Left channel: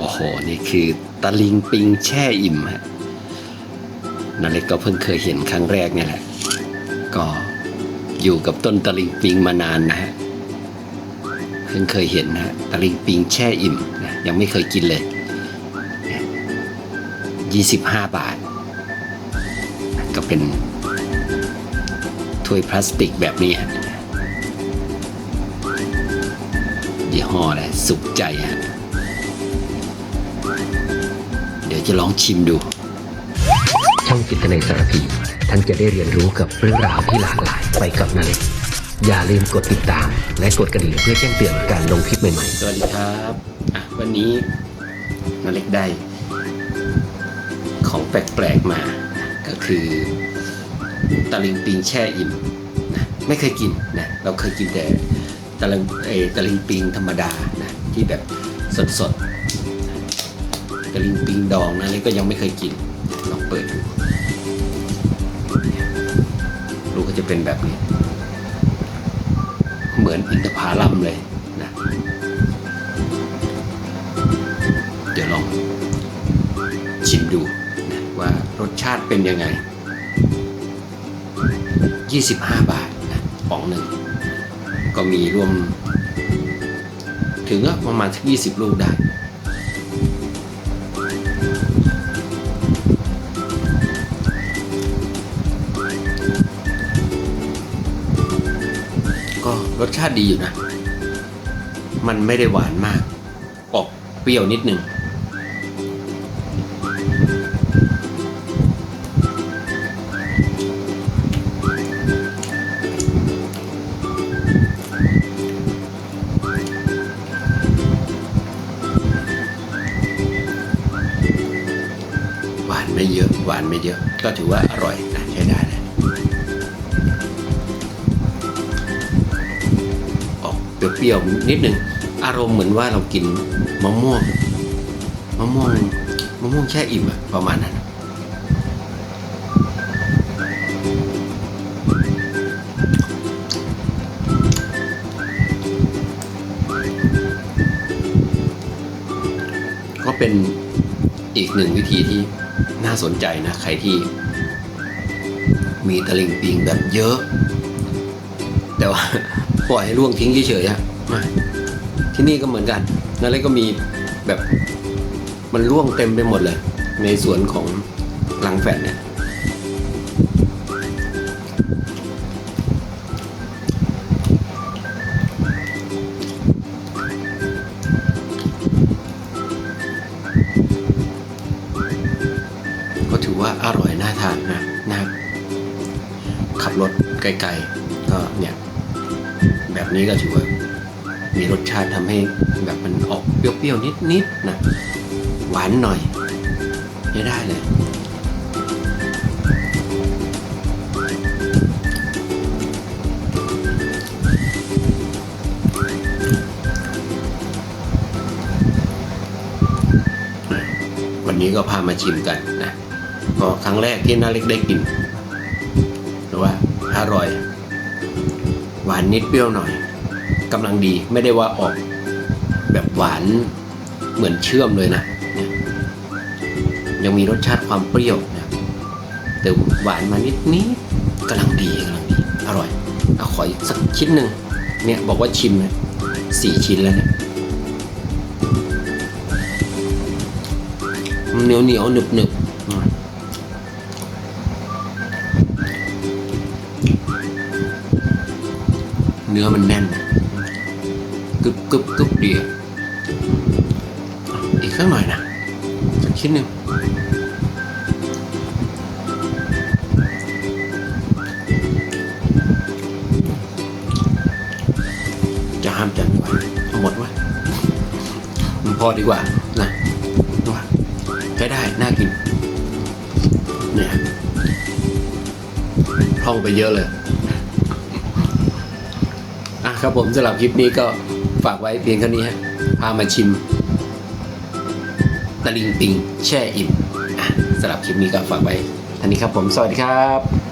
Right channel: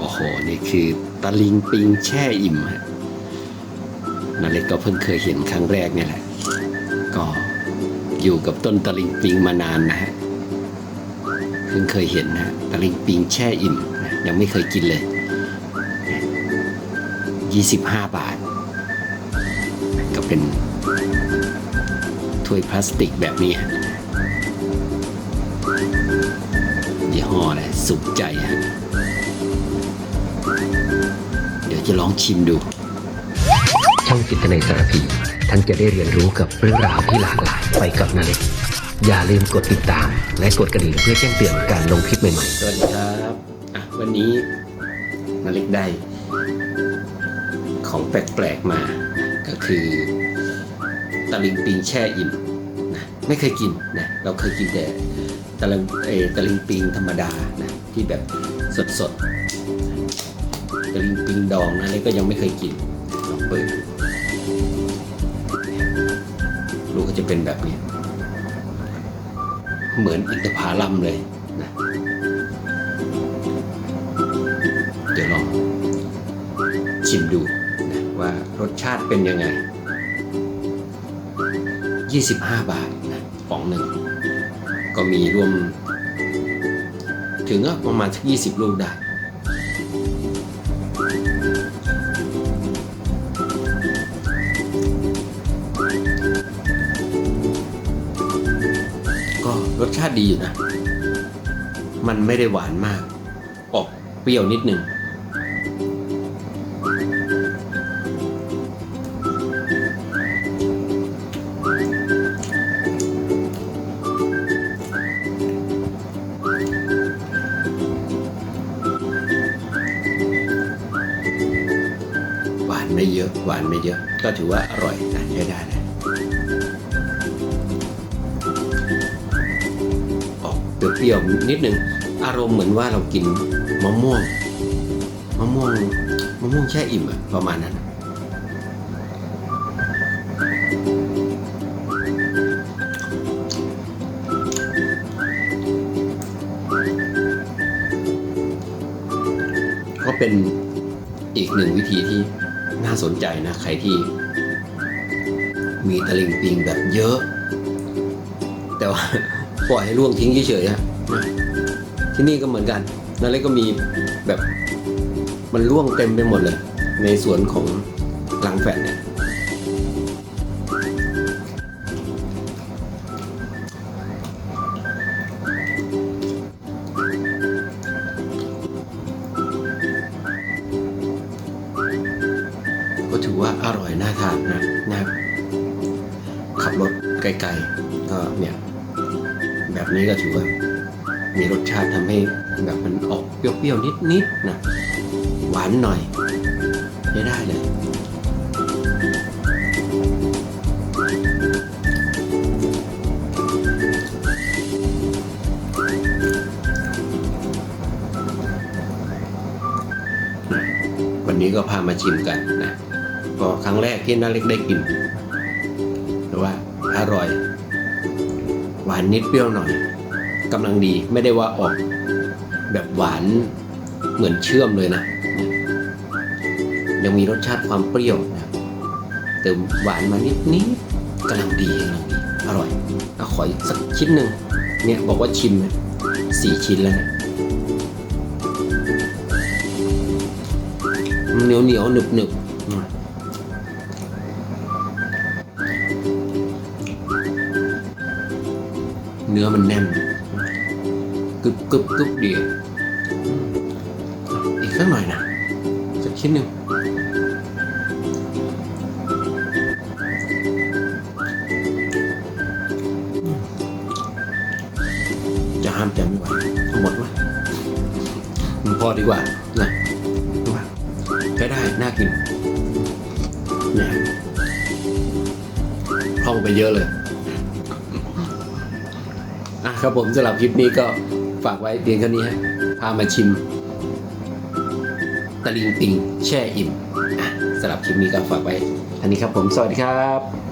โอ้โห นี่คือตะลิงปิงแช่อิ่มฮะนาเล็กก็เพิ่งเคยเห็นครั้งแรกเนี่ยแหละ ก็อยู่กับต้นตะลิงปิงมานานนะฮะ เพิ่งเคยเห็นนะฮะตะลิงปิงแช่อิ่มนะยังไม่เคยกินเลยยี่สิบห้าบาท ก็เป็นถ้วยพลาสติกแบบนี้ฮะยี่ห้ออะไรสุขใจฮะ เดี๋ยวจะลองชิมดู ช่องจิตในสารพี ท่านจะได้เรียนรู้กับเรื่องราวที่หลากหลายไปกับนาเล็กอย่าลืมกดติดตาม และกดกระดิ่งเพื่อแจ้งเตือนการลงคลิปใหม่ๆ สวัสดีครับอะวันนี้นาเล็กได้ ของแปลกๆมา ก็คือตะลิงปิงแช่อิ่มนะไม่เคยกินนะเราเคยกินแต่ตะลิงเออตะลิงปิงธรรมดานะที่แบบสดๆ ตะลิงปิงดองนะเล็กก็ยังไม่เคยกินลองเปิดดูลูกก็จะเป็นแบบนี้ เหมือนอินทผลัมเลยนะ เดี๋ยวลองชิมดูนะว่ารสชาติเป็นยังไง 25 บาทนะป๋องหนึ่ง ก็มีรวม ถึงก็ประมาณสัก20 ลูกได้ รสชาติดีอยู่นะ มันไม่ได้หวานมาก ออกเปรี้ยวนิดนึง หวานไม่เยอะ หวานไม่เยอะ ก็ถือว่าอร่อยนะใช้ได้เล เปรี้ยวๆนิดนึงอารมณ์เหมือนว่าเรากินมะม่วงมะม่วงมะม่วงแช่อิ่มอะประมาณนั้นก็เป็นอีกหนึ่งวิธีที่น่าสนใจนะ ใครที่มีตะลิงปิงแบบเยอะ แต่ว่าปล่อยให้ร่วงทิ้งเฉยๆอะมาที่นี่ก็เหมือนกันนั่นเลยก็มีแบบมันร่วงเต็มไปหมดเลย ในสวนของลังแฟดเนี่ยก็ถือว่าอร่อยน่าทานนะนะขับรถไกลๆก็เนี่ย แบบนี้ก็ถือว่ามีรสชาติทำให้แบบมันออกเปรี้ยวๆนิดๆนะหวานหน่อยใช้ได้เลย วันนี้ก็พามาชิมกันนะก็ครั้งแรกที่น้าเล็กได้กินแต่ว่าอร่อย หวานนิดเปรี้ยวหน่อยกำลังดีไม่ได้ว่าออกแบบหวานเหมือนเชื่อมเลยนะเนี่ยยังมีรสชาติความเปรี้ยวนะแต่หวานมานิดนิดกำลังดีกำลังดี อร่อยเอาขออีกสักชิ้นหนึ่งเนี่ยบอกว่าชิมนะสี่ชิ้นแล้วเนี่ยเหนียวเหนียวหนึบหนึบ เนื้อมันแน่นกึบกึบกึบเดีอะอะอีกสักหน่อยนะสักชิ้นหนึ่งจะห้ามใจไม่ไหวเอาหมดวะมันพอดีกว่านะดูว่าใช้ได้ น่ากิน เนี่ยพร่องไปเยอะเลย อะครับผมสำหรับคลิปนี้ก็ฝากไว้เพียงเท่านี้ฮะพามาชิมตะลิงปิงแช่อิ่มอะสำหรับคลิปนี้ก็ฝากไว้ท่านี้ครับผมสวัสดีครับ